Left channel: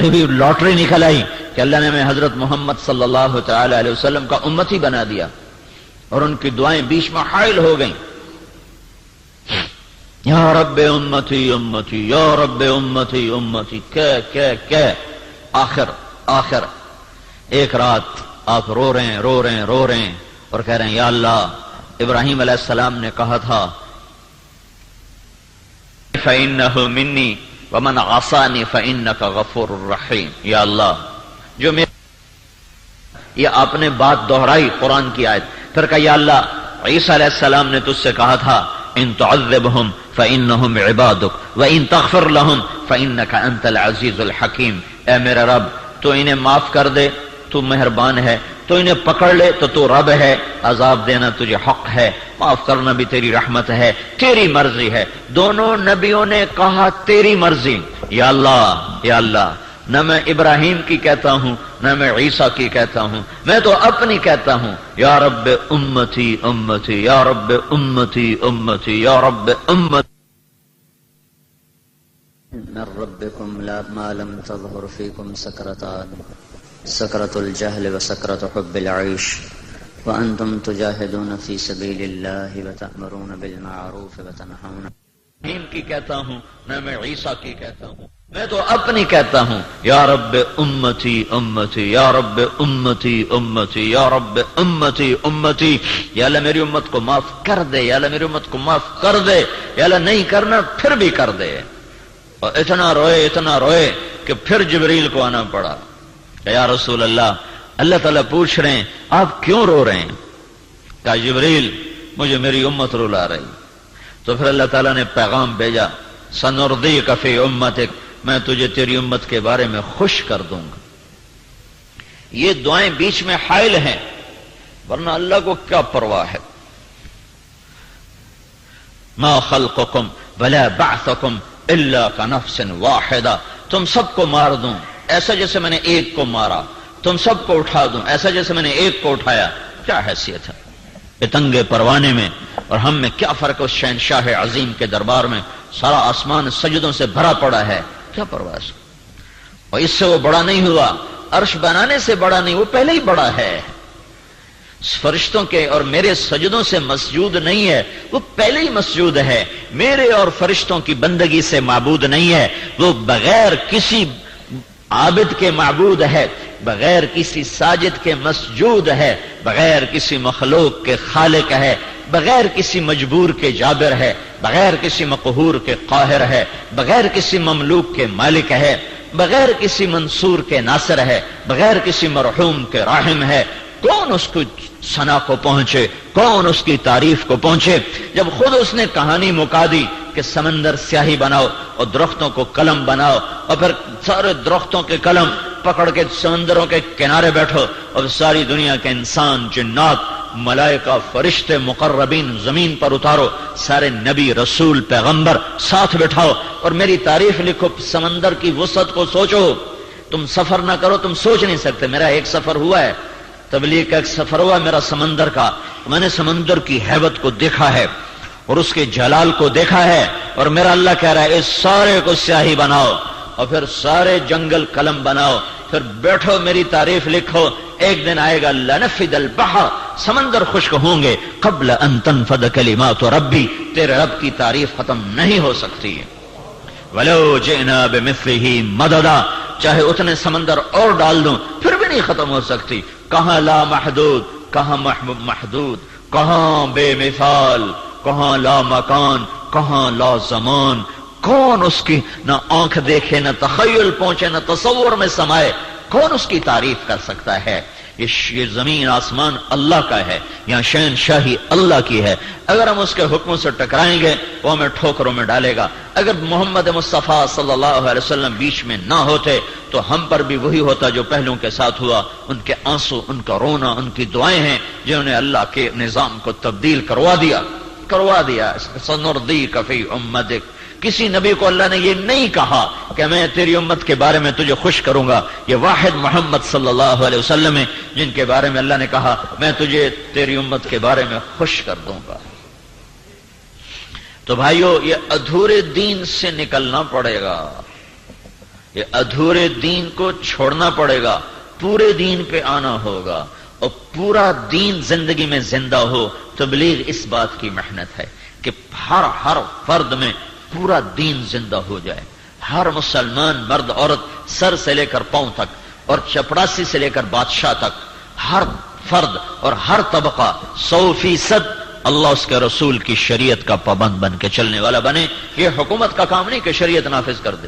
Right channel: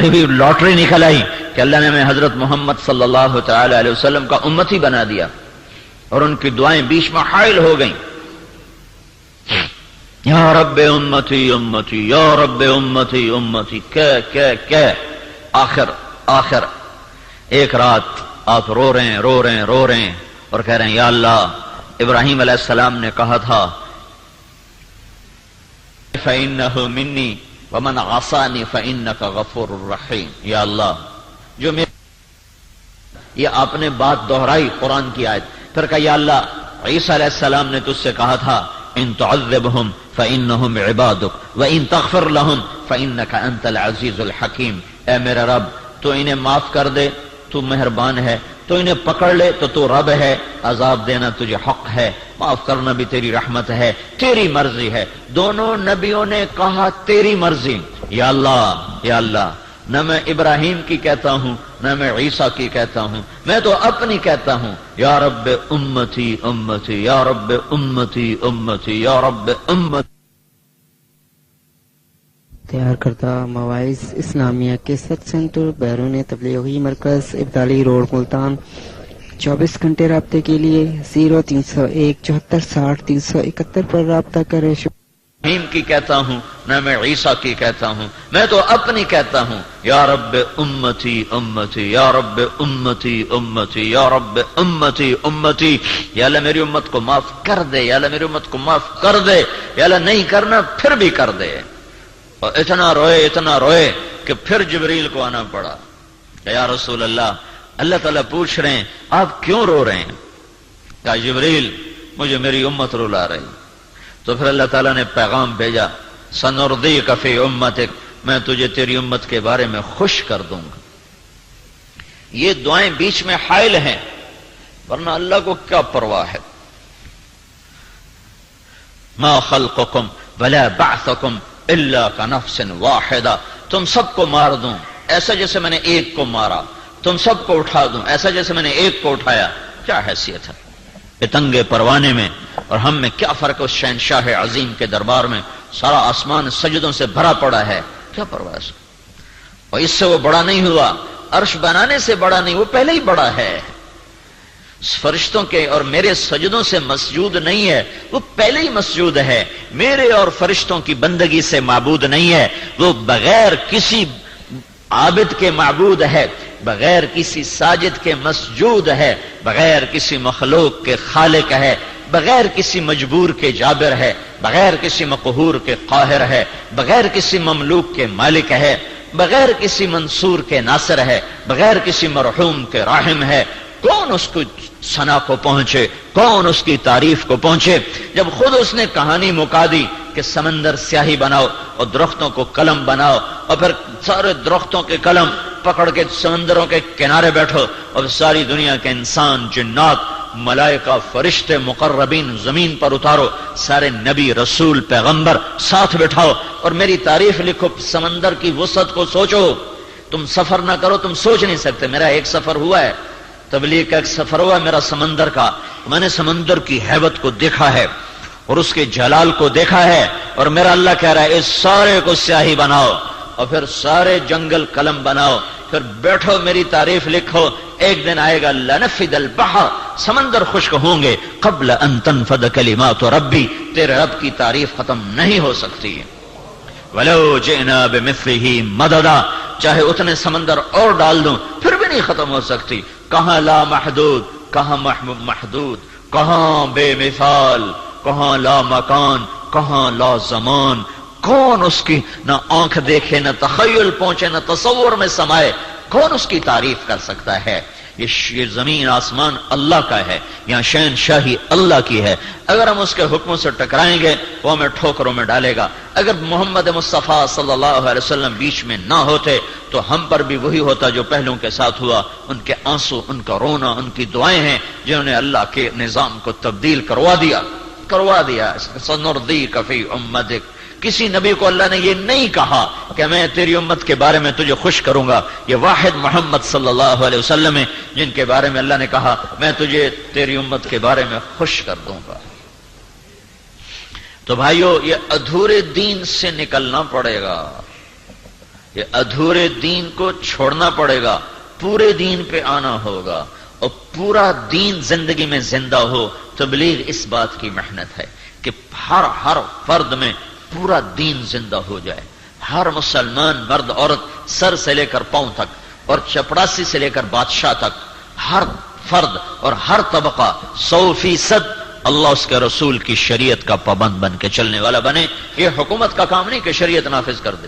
بھی لاٹری نکل آئی کہ اللہ نے ہمیں حضرت محمد صلی اللہ تعالی علیہ وسلم کا امتی بنا دیا، اور ان کی دعائیں بیچ میں حائل ہو گئیں، یا رب امتی امتی یا رب امتی امتی، آخر ایک رات آپ رو رہے ہیں اور کہہ رہے ہیں یا اللہ، ابراہیم علیہ السلام نے کہا تھا فَإِنَّهُ مِنِّي وَمَنْ عَصَانِي فَإِنَّكَ غَفُورٌ رَحِيمٌ، یا اللہ جو یہ آپ نے بات دہرائی قرآن کی آیت، پھر کہا یا اللہ عیسیٰ علیہ السلام نے تجھ سے کہا تھا ان تعذبهم فإنهم عبادك وإن تغفر لهم فإنك أنت العزيز الحكيم، اے میرے رب تو انہیں معاف کر دے، تو مہربان ہے، تو انہیں پکڑ لے تو رب ہے، عذاب دینا تجھے حق ہے، معاف کرنا بھی تیری رحمت ہے، تیری مرضی ہے۔ دونوں نبیوں نے کہا تیری مرضی، یا اللہ نہ میں ابراہیم کی کہتا ہوں نہ میں عیسیٰ کی کہتا ہوں، میں تو اپنی کہتا ہوں، یا رب امتی امتی یا رب امتی امتی یا رب امتی۔ تیار کردہ مواعظ اسلامیہ کے ست سینٹر بیرون تبلیغی مرکز ابدالی روڈ ملتان، 24 گھنٹے رابطے کے لیے 0301 74 60 371 پر رابطہ کریں۔ ابراہیم کی کہتا ہوں نہ میں عیسیٰ کی کہتا ہوں، میں تو اپنی کہتا ہوں، یا رب امتی امتی یا رب امتی امتی یا رب امتی امتی، یا اللہ میری امت کو معاف کر دے، یا اللہ میری امت کو معاف کر دے، یا اللہ نہیں کرنا پھر بھی کر دے۔ اور اتنا روئے کہ پھر جبریل کو آنا پڑا، یا رسول اللہ تعالیٰ پوچھ رہے ہیں آپ کیوں رو رہے ہیں؟ کہا جبریل مجھے میری امت رلا رہی۔ تو پھر اللہ تعالیٰ نے پیغام بھیجا سنردیک فی امتک، میں تجھے تیری امت کے بارے میں خوش کر دوں گا۔ یہ دعائیں بیچ میں حائل ہیں، ورنہ اللہ کو کیا پرواہ ہے۔ ما خلقکم ولا بعثکم الا کنفس واحدہ، تم سب کو مار دوں ایسا جیسے میں نے ایک کو مارا، تم سب کو اٹھا دوں ایسا جیسے میں نے ایک کو اٹھایا، کیا حیثیت ہے اتنگے پروانے میں اور ہم میں؟ کیا فرق ہے اس شہنشاہ عظیم کے دربار میں؟ سارا آسمان سجدوں سے بھرا پڑا ہے، کیا پرواہ ہے؟ اور اس سے وہ بڑا نہیں ہوا، عرش بنانے سے بڑا نہیں، وہ پہلے ہی بڑا ہے۔ فرشتوں کے اور میرے سجدوں سے مسجود نہیں ہے، وہ پہلے ہی مسجود ہے۔ میرے اور فرشتوں کی بندگی سے معبود نہیں ہے، وہ بغیر کسی عابد کے معبود ہے، بغیر کسی ساجد کے مسجود ہے، بغیر کسی مخلوق کے خالق ہے، بغیر کسی مجبور کے جابر ہے، بغیر کسی مقہور کے قاہر ہے، بغیر کسی مملوک کے مالک ہے، بغیر کسی منصور کے ناصر ہے، بغیر کسی مرحوم کے راحم ہے۔ کون اس کو ثنا کو پہنچے، کون اس کی تعریف کو پہنچے؟ جب خود اس نے کہانی مکا دی کہ سمندر سیاہی بناؤ اور درختوں کو قلم بناؤ، اور پھر سارے درختوں کے قلم پکڑ کے سمندروں کے کنارے بیٹھو، اور ساری دنیا کے انسان جنات ملائکہ فرشتے مقربین زمین پر اتارو، سارے نبی رسول پیغمبر ساتھ بٹھاؤ اور میری تعریف لکھو۔ سمندر کی وسعت کو سوچو، تم سفر نہ کرو، تم سوچ نہیں سکتے۔ میرا ایک سفر ہوا ہے، تبلیغ کا ایک سفر ہوا میرا سمندر کا، میں نے سمندر کی ہیبت کو دیکھا ہے اور اس کے جلال کو دیکھا ہے، اور میرا اللہ کہہ رہا ہے اس سارے کو سیاہی بناؤ اور پھر سارے جنگل قلم بناؤ، پھر بیٹھو میری تعریف لکھو۔ ایک دن آئے گا لنفد البحر، سمندر خشک ہوں گے، قبل ان تنفد کلمات ربی، تیرے رب کی تعریف ختم نہیں ہو سکتی ہے۔ ولو جئنا بمثلہ مددا، چاہے اتنے سمندر اور ڈال دوں پھر بھی نہیں ختم ہو سکتی۔ کہاں لا محدود، کہاں محدود، کہاں بے مثال، کہاں لا مکان، کہاں لا زمان۔ کون اس کی نہ آنکھ دیکھے، نہ تخیل پہنچے، نہ تصور میں سمائے، کون اس کی تعریف کر سکتا ہے؟ یہ زمین آسمان اللہ کا ہے، یہاں شہنشاہی اللہ کی ہے۔ اگر ہم اس کے حکموں سے ٹکرائیں گے وہ ہمیں ٹھوکروں میں ڈالے گا۔ اگر محمد مصطفیٰ صلی اللہ علیہ وسلم بیچ میں نہ ہوتے تو ہم پر بھی وہی ہوتا جو پہلوں کے ساتھ ہوا۔ ان کے آنسو، ان کا رونا، ان کی دعائیں ہیں جنہوں نے اللہ کے نظام کو تبدیل کروا دیا۔ سنردیک فی امتک، کسی نبی کو اللہ نے یہ نہیں کہا کہ میں تیری امت کے بارے میں تجھے خوش کروں گا۔ یہ واحد محمد صلی اللہ علیہ وسلم ہے جن کے بارے میں اللہ نے کہا میں تجھے تیری امت کے بارے میں خوش کر دوں گا۔ تو بھائیو، یہ ادھورے دین سے نکلنا پڑے گا۔ یہ ادھورے دین کو چھوڑنا پڑے گا، پورے دین پہ آنا ہوگا، اور پورا دین زندگی میں زندہ ہو۔ تبلیغ اس بات کی محنت ہے کہ ہر فرد میں پورا دین زندہ ہو جائے، ہر مسلمان مرد عورت سر سے لے کر پاؤں تک اور چپڑاسی سے لے کر بادشاہ تک ہر فرد اور ہر طبقہ 100% اللہ اس کے رسول کی شریعت کا پابند بن کے چلنے والا بنے۔ یہ حکومت کا کام نہیں کہ شریعت نافذ کر دے،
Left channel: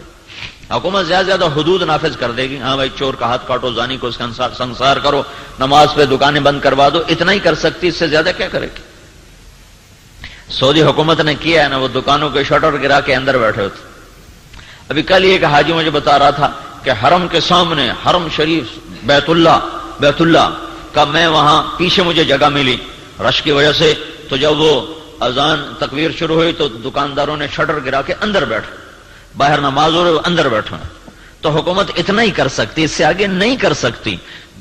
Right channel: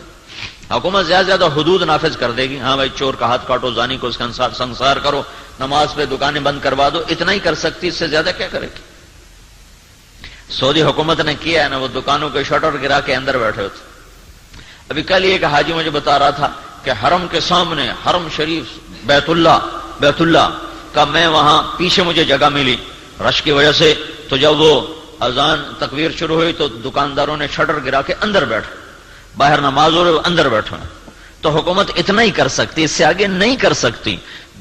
حکومت زیادہ زیادہ حدود نافذ کر دے گی، ہاں بھائی چور کا ہاتھ کاٹو، زانی کو اس کا سنسار کرو، نماز پہ دکانیں بند کروا دو، اتنا ہی کر سکتی، اس سے زیادہ کیا کرے گی؟ سعودی حکومت نے کیا ہے نا، وہ دکانوں کے شٹر گرا کے اندر بیٹھے ہوتے۔ ابھی کل ایک حاجی مجھے بتا رہا تھا کہ حرم کے سامنے، حرم شریف بیت اللہ کا، میں وہاں پیچھے مجھے جگہ ملی رش کی وجہ سے، تو جب وہ اذان تکبیر شروع ہوئی تو دکانداروں نے شٹر گرا کے اندر بیٹھے، باہر نماز ہو رہے اندر بیٹھے۔ تو حکومت اتنا ہی کر سکتی، اس سے آگے نہیں کر سکتی۔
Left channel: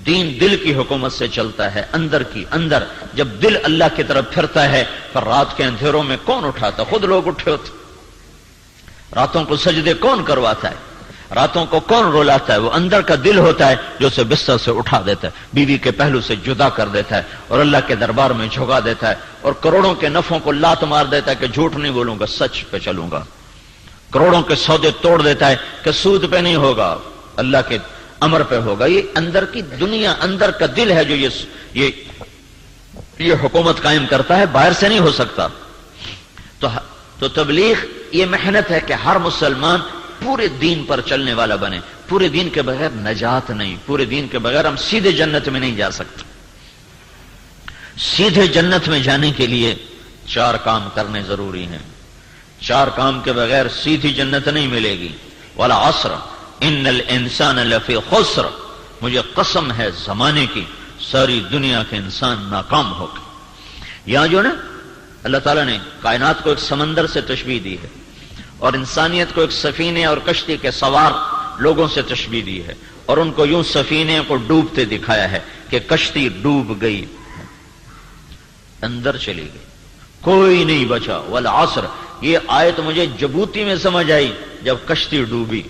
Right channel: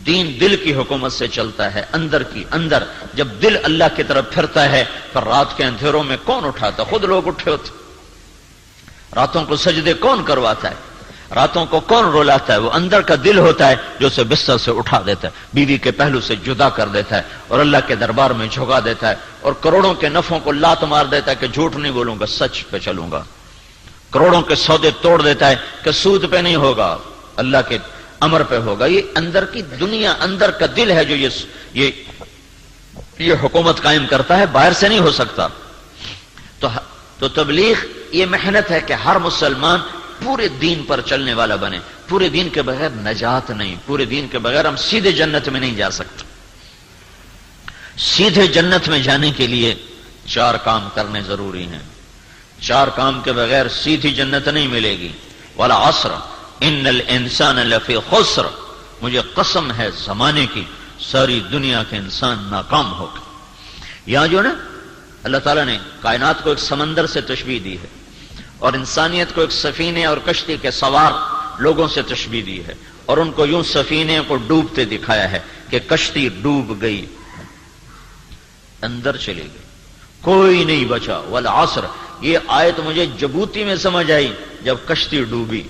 دین دل کی حکومت سے چلتا ہے، اندر کی اندر۔ جب دل اللہ کی طرف پھرتا ہے تو رات کے اندھیروں میں کون اٹھاتا؟ خود لوگ اٹھے ہوتے۔ راتوں کو سجدے کون کرواتا ہے؟ راتوں کو کون رولاتا ہے؟ وہ اندر کا دل ہوتا ہے جو اسے بستر سے اٹھا دیتا ہے، بیوی کے پہلو سے جدا کر دیتا ہے اور اللہ کے دربار میں جھکا دیتا ہے، اور کروڑوں کے نفعوں کو لات مار دیتا ہے کہ جھوٹ نہیں بولوں گا، سچ پہ چلوں گا۔ کروڑوں کے سودے توڑ دیتا ہے کہ سود پہ نہیں ہوگا، اللہ کے امر پہ ہوگا۔ یہ اندر کی دنیا، اندر کا دل ہے جو یہ حکومت قائم کرتا ہے، باہر سے نہیں ہو سکتا۔ تو تبلیغ یہ محنت ہے کہ ہر مسلمان پورے دین پر چلنے والا بنے۔ پورے دین کے بغیر نجات نہیں، پورے دین کے بغیر ہم سیدھے جنت میں نہیں جا سکتے۔ سیدھے جنت میں جانے کے لیے 4 کام کرنے ضروری ہیں۔ 4 کام کے بغیر سیدھی جنت نہیں ملے گی۔ والعصر ان الانسان لفی خسر، مجھے قسم ہے زمانے کی، ساری دنیا کے انسان ناکام ہو گئے۔ یہاں جو نا اللہ تعالیٰ نے کائنات کو ایک سمندر سے تشبیہ دی ہے، اور انسانیت کو ایک سفینے اور کشتی کے سوار لوگوں سے تشبیہ دی ہے، اور ان کو یوں سفینے کو ڈوبتے دکھایا ہے کہ کشتی ڈوب گئی، اندر چلی گئی، کوئی نہیں بچا۔ والعصر، یہ آیت مجھے جبوتی میں سمجھ آئی جب کشتی ڈوبی۔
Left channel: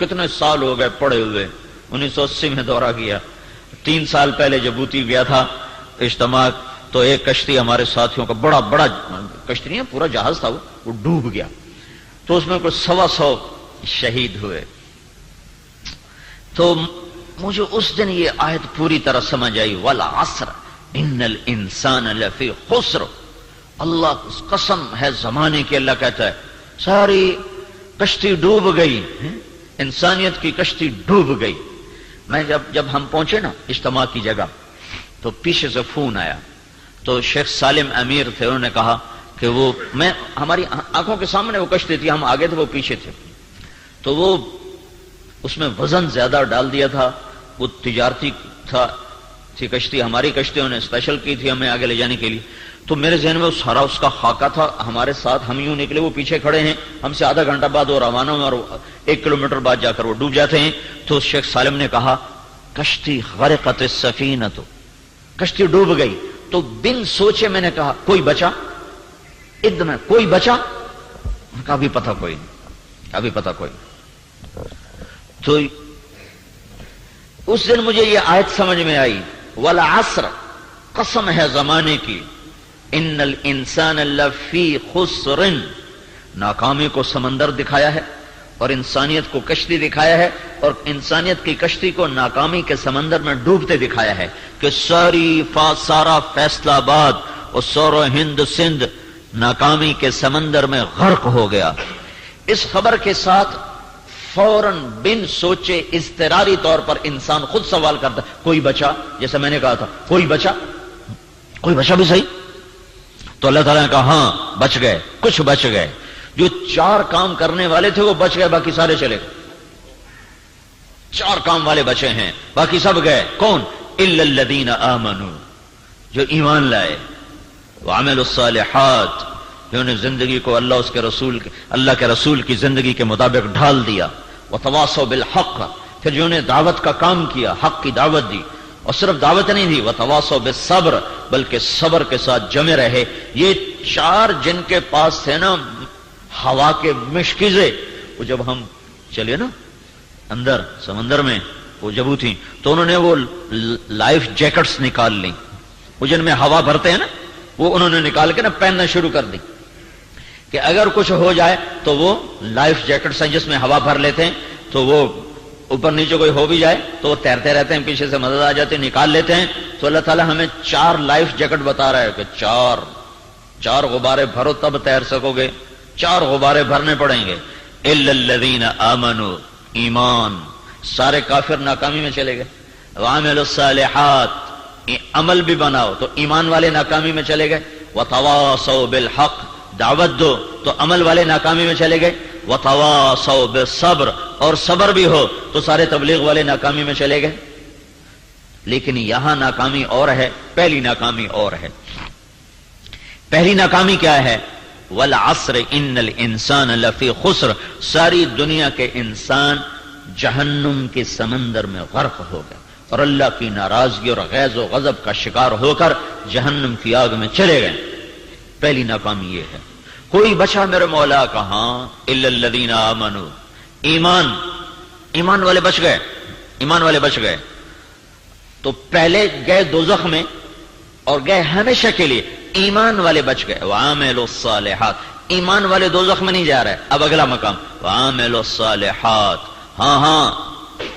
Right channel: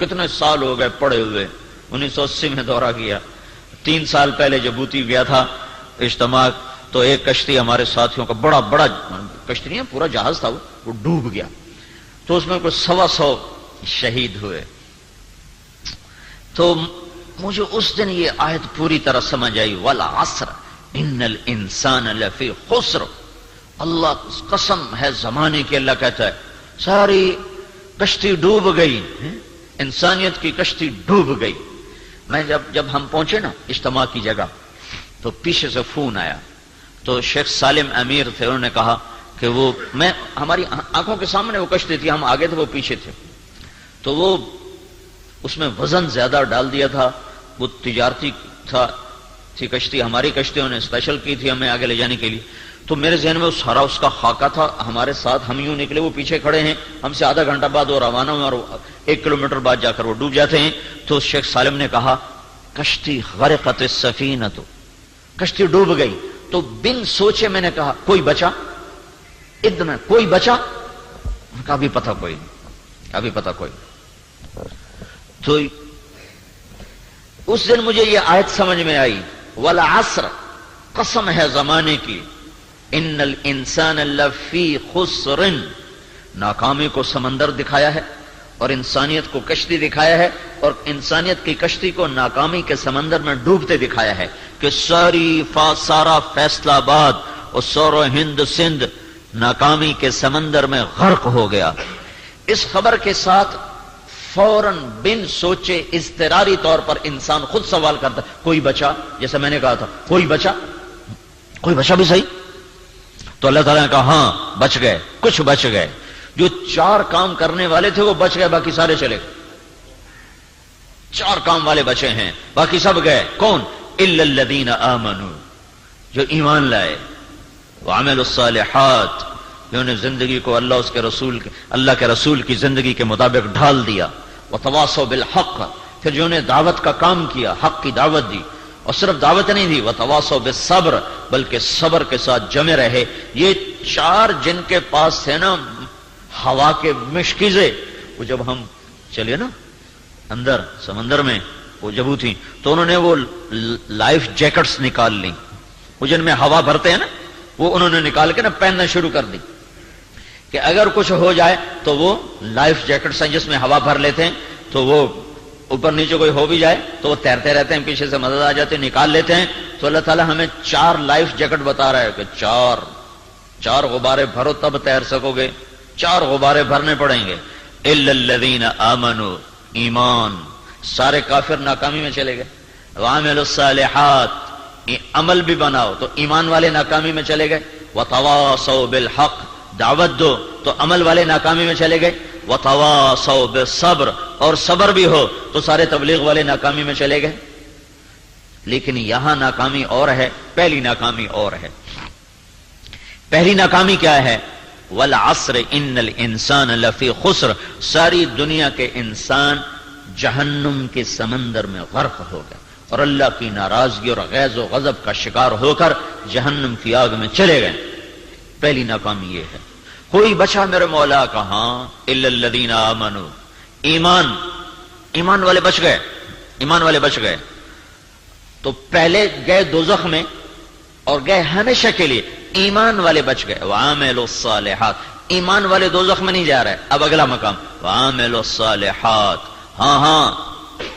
کتنے سال ہو گئے پڑے ہوئے، 1980 میں دورہ کیا، 3 سال پہلے جبوتی گیا تھا اجتماع، تو ایک کشتی ہمارے ساتھیوں کا، بڑا کشتی نہیں ہے، پورا جہاز تھا، وہ ڈوب گیا، تو اس میں کوئی 125 شہید ہوئے۔ تو مجھے اس دن یہ آیت پوری طرح سمجھ آئی، والعصر ان الانسان لفی خسر۔ اللہ قسم ہے زمانے کی، اللہ کہتا ہے ساری کشتی ڈوب گئی، انسانیت کی کشتی ڈوب گئی۔ میں جب ہم پہنچے نا اجتماع کی جگہ، تو پیچھے سے فون آیا، تو شیخ سالم امیر تھے، انہوں نے کہا کہ ہماری آنکھوں کے سامنے وہ کشتی تھی، ہم آگے تھے وہ پیچھے تھے، تو وہ اس میں وزن زیادہ ڈال دیا تھا، وہ تجارتی تھی کشتی، ہماری کشتیوں نے اسپیشل کی تھی ہمیں آگے لے جانے کے لیے۔ تو میرے ذہن میں سارا اس کا خاکہ تھا، ہمارے ساتھ ہم یوں نکلے، وہ پیچھے کھڑے ہیں، ہم سے آدھا گھنٹہ بعد وہ روانہ ہوئے، اور 1 کلومیٹر بعد جا کر وہ ڈوب جاتے ہیں۔ تو شیخ سالم نے کہا کشتی غرقت السفینۃ، کشتی ڈوب گئی۔ تو بن سوچے میں نے کہا کوئی بچا؟ ایک دم کوئی بچا؟ ابھی پتہ کوئی۔ تو اس دن مجھے یہ آیت سمجھ میں آئی، والعصر، قسم ہے زمانے کی، ان الانسان لفی خسر، ناکامی کو سمندر دکھایا ہے اور انسانیت کو کشتی دکھایا ہے، اور انسانیت کی کشتی کو ناکامی کے سمندر میں ڈوبتے دکھایا ہے کہ سارا فیصلہ آباد اور سورو ہند سندھ ناکامی کے سمندر میں غرق ہو گیا۔ اس خبر کے ساتھ فوراً بن سوچے اضطراری طور پر انسان خود سوال کرتا کوئی بچا؟ جیسے میں نے کہا تھا کوئی بچا بھی صحیح؟ تو اللہ تعالیٰ نے کہا ہاں بچ گئے، کچھ بچ گئے، جو 4 کام کرنے والے تھے وہ بچ گئے، باقی سارے چلے گئے۔ 4 کام والے بچے ہیں، باقی سب گئے۔ کون؟ الا الذین آمنوا، جو ایمان لائے، وعملوا الصالحات، جنہوں نے زندگی کو اللہ کے رسول کی زندگی کے مطابق ڈھال دیا، وتواصوا بالحق، کہ جنہوں نے دعوت کا کام کیا، حق کی دعوت دی، اور صرف دعوت نہیں دی، وتواصوا بالصبر، بلکہ صبر کے ساتھ جمے رہے۔ یہ 4 جن کے پاس تھے نا ہوا کے مشکزے، وہ جب ہم چلیے نا اندر سمندر میں وہ جب تھی تو انہوں نے وہ لائف جیکٹس نکال لی، وہ جن میں ہوا بھرتے ہیں نا، وہ انہوں نے نکال کے نا پہننا شروع کر دی کہ اگر کچھ ہو جائے تو وہ لائف جیکٹس ہیں جس میں ہوا بھر لیتے ہیں، تو وہ اوپر نیچے کوئی ہو بھی جائے تو وہ تیرتے رہتے ہیں، پیچھے سے مدد آ جاتے ہیں، نکال لیتے ہیں۔ تو اللہ تعالیٰ ہمیں 4 لائف جیکٹ بتا رہا ہے کہ 4 غبارے بھرو تب تیر سکو گے، 4 غبارے بھرنے پڑیں گے۔ الا الذین آمنوا، ایمان، سارے کافر ناکامی میں چلے گئے۔ وعملوا الصالحات، عمل بھی بناؤ تو ایمان والے ناکامی میں چلے گئے۔ وتواصوا بالحق، دعوت دو تو عمل والے ناکامی میں چلے گئے۔ وتواصوا بالصبر، اور صبر بھی ہو تو سارے تبلیغ والے ناکامی میں چلے گئے۔ لیکن یہاں ناکامی اور ہے، پہلی ناکامی اور ہے۔ پہلی ناکامی کیا ہے؟ والعصر ان الانسان لفی خسر، ساری دنیا کے انسان جہنم کے سمندر میں غرق ہو گئے اور اللہ کی ناراضگی اور غیظ و غضب کا شکار ہو کر جہنم کی آگ میں چلے گئے۔ پہلی ناکامی یہ ہے۔ کوئی بچا میرے مولا کہاں؟ الا الذین آمنوا، ایمان والے بچ گئے، ایمان والے بچ گئے۔ تو پہلے گئے دوزخ میں اور گئے ہمیشہ کے لیے، ایمان والے بچ گئے۔ وعملوا الصالحات، ایمان والے دوزخ میں نہیں جا رہے۔ اب اگلا مقام وعملوا الصالحات، ہاں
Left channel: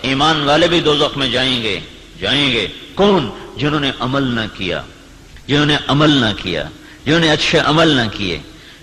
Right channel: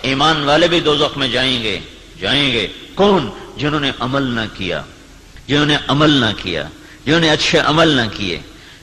ایمان والے بھی دوزخ میں جائیں گے۔ کون؟ جنہوں نے عمل نہ کیا، جنہوں نے اچھے عمل نہ کیے،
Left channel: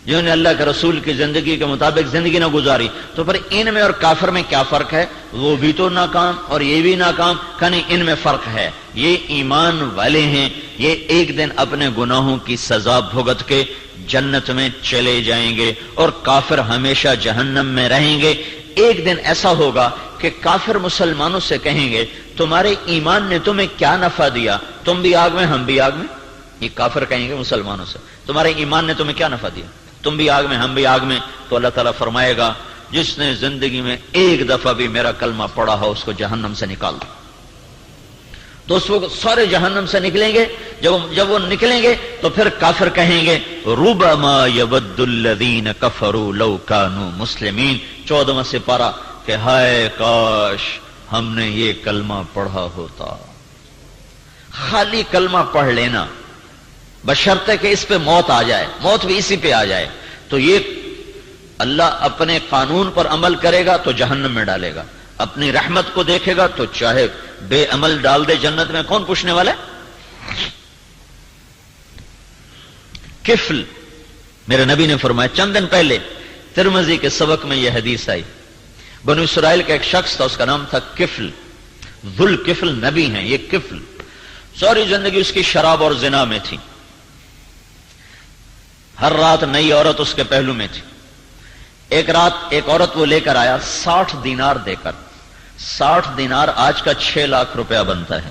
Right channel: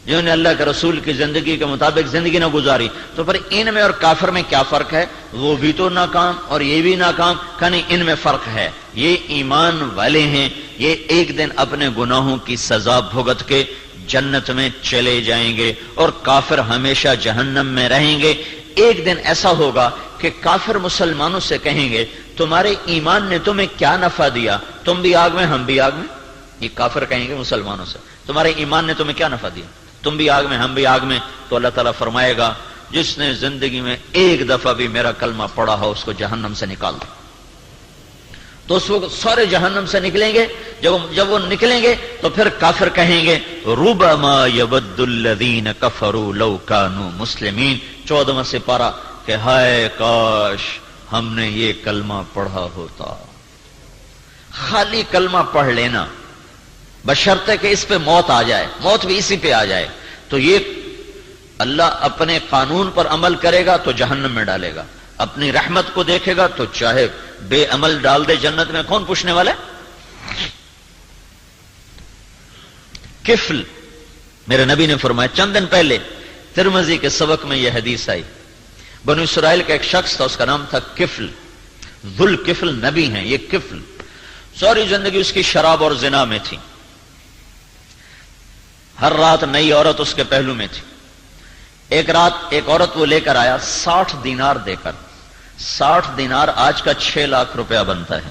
جنہوں نے اللہ کے رسول کی زندگی کے مطابق زندگی نہ گزاری۔ تو پھر ان میں اور کافر میں کیا فرق ہے؟ وہ بھی تو ناکام اور یہ بھی ناکام، کہیں ان میں فرق ہے۔ یہ ایمان والے ہیں، یہ ایک دن اپنے گناہوں کی سزا بھگت کے جنت میں چلے جائیں گے اور کافر ہمیشہ جہنم میں رہیں گے۔ ایک دن ایسا ہوگا کہ کافر مسلمانوں سے کہیں گے تمہارے ایمان نے تمہیں کیا نفع دیا؟ تم بھی آگ میں، ہم بھی آگ میں۔ یہ کافر کہیں گے مسلمانوں سے تمہارے ایمان نے تمہیں کیا نفع دیا؟ تم بھی آگ میں، ہم بھی آگ میں۔ تو اللہ تعالیٰ فرمائے گا جس نے زندگی میں ایک دفعہ بھی میرا کلمہ پڑھا ہو اس کو جہنم سے نکال دو۔ تو اس وقت سارے جہنم سے نکلیں گے۔ جب وہ نکلیں گے تو پھر کافر کہیں گے ربما یود الذین کفروا لو کانوا مسلمین، 14واں سپارہ، کہ ہائے کاش ہم نے یہ کلمہ پڑھا ہوتا۔ خالی کلمہ پڑھ لینا بشرطے کہ اس پہ موت آ جائے، موت بھی اسی پہ آ جائے، تو یہ اللہ اپنے قانون پر عمل کرے گا تو جہنم میں ڈالے گا، اپنی رحمت کو دیکھے گا تو چاہے بے عمل ڈال دے جنت میں، کون پوچھنے والا ہے؟ کفل، میرے نبی نے فرمایا چند دن پہلے ترمذی کے سبق میں یہ حدیث آئی، بنو اسرائیل کا ایک شخص تھا، اس کا نام تھا کفل، ذل کفل نبی ہیں یہ کفل، ساری زندگی اس کی شراب اور زنا میں تھی، ہر رات نئی عورت اس کے پہلو میں تھی۔ ایک رات ایک عورت وہ لے کر آیا 60 دینار دے کر، 60 دینار آج کا 6 لاکھ روپیہ بنتا ہے۔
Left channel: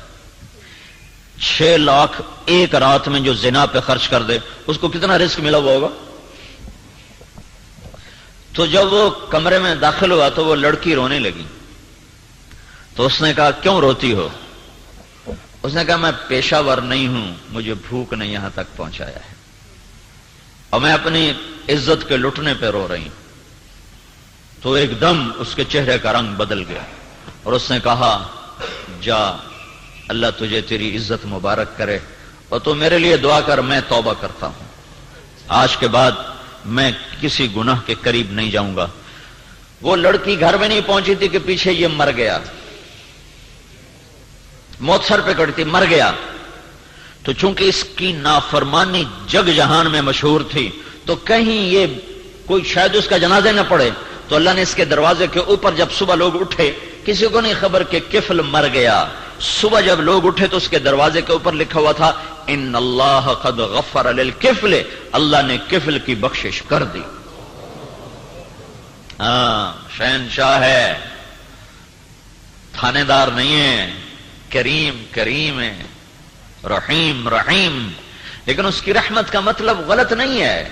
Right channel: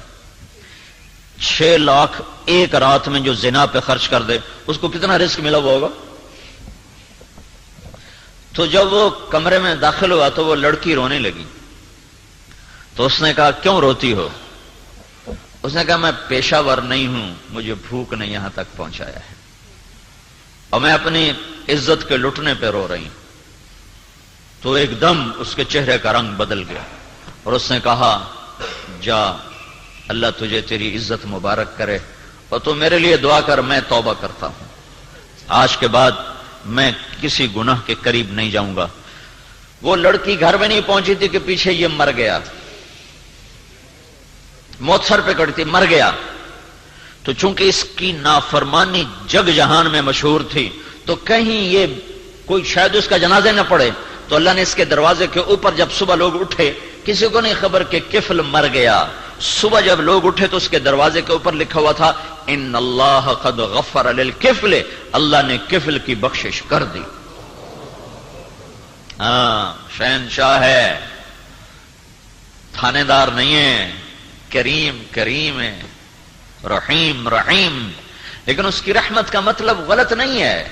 6 لاکھ ایک رات میں جو زنا پہ خرچ کر دے اس کو کتنا رزق ملا ہوا ہوگا۔ تو جب وہ کمرے میں داخل ہوا تو وہ لڑکی رونے لگی، تو اس نے کہا کیوں روتی ہو؟ اس نے کہا میں پیشہ ور نہیں ہوں، مجھے بھوک نے یہاں تک پہنچایا ہے اور میں اپنی عزت کے لٹنے پہ رو رہی ہوں۔ تو ایک دم اس کے چہرے کا رنگ بدل گیا اور اس نے کہا جا، اللہ تجھے تیری عزت مبارک کرے اور تو میرے لیے دعا کر، میں توبہ کرتا ہوں، آج کے بعد میں کسی گناہ کے قریب نہیں جاؤں گا۔ وہ لڑکی گھر میں نہیں پہنچی تھی کہ پیچھے یہ مر گیا، موت سر پہ کڑی تھی، مر گیا۔ تو چونکہ اس کی نافرمانی جگ جہان میں مشہور تھی تو کہیں یہ کوئی شاید اس کا جنازہ نہ پڑے، تو اللہ نے اس کے دروازے کے اوپر جب صبح لوگ اٹھے، کسی کو نہیں خبر کہ کفل مر گیا، صبح جب لوگ اٹھے تو اس کے دروازے کے اوپر لکھا ہوا تھا ان اللہ قد غفر للکفل، اللہ نے کفل کی بخشش کر دی۔ ہاں، شہنشاہ ہے، تھانے دار نہیں ہے، کریم کریم ہے، رحیم رحیم، لیکن اس کی رحمت کا مطلب غلط نہیں ہے۔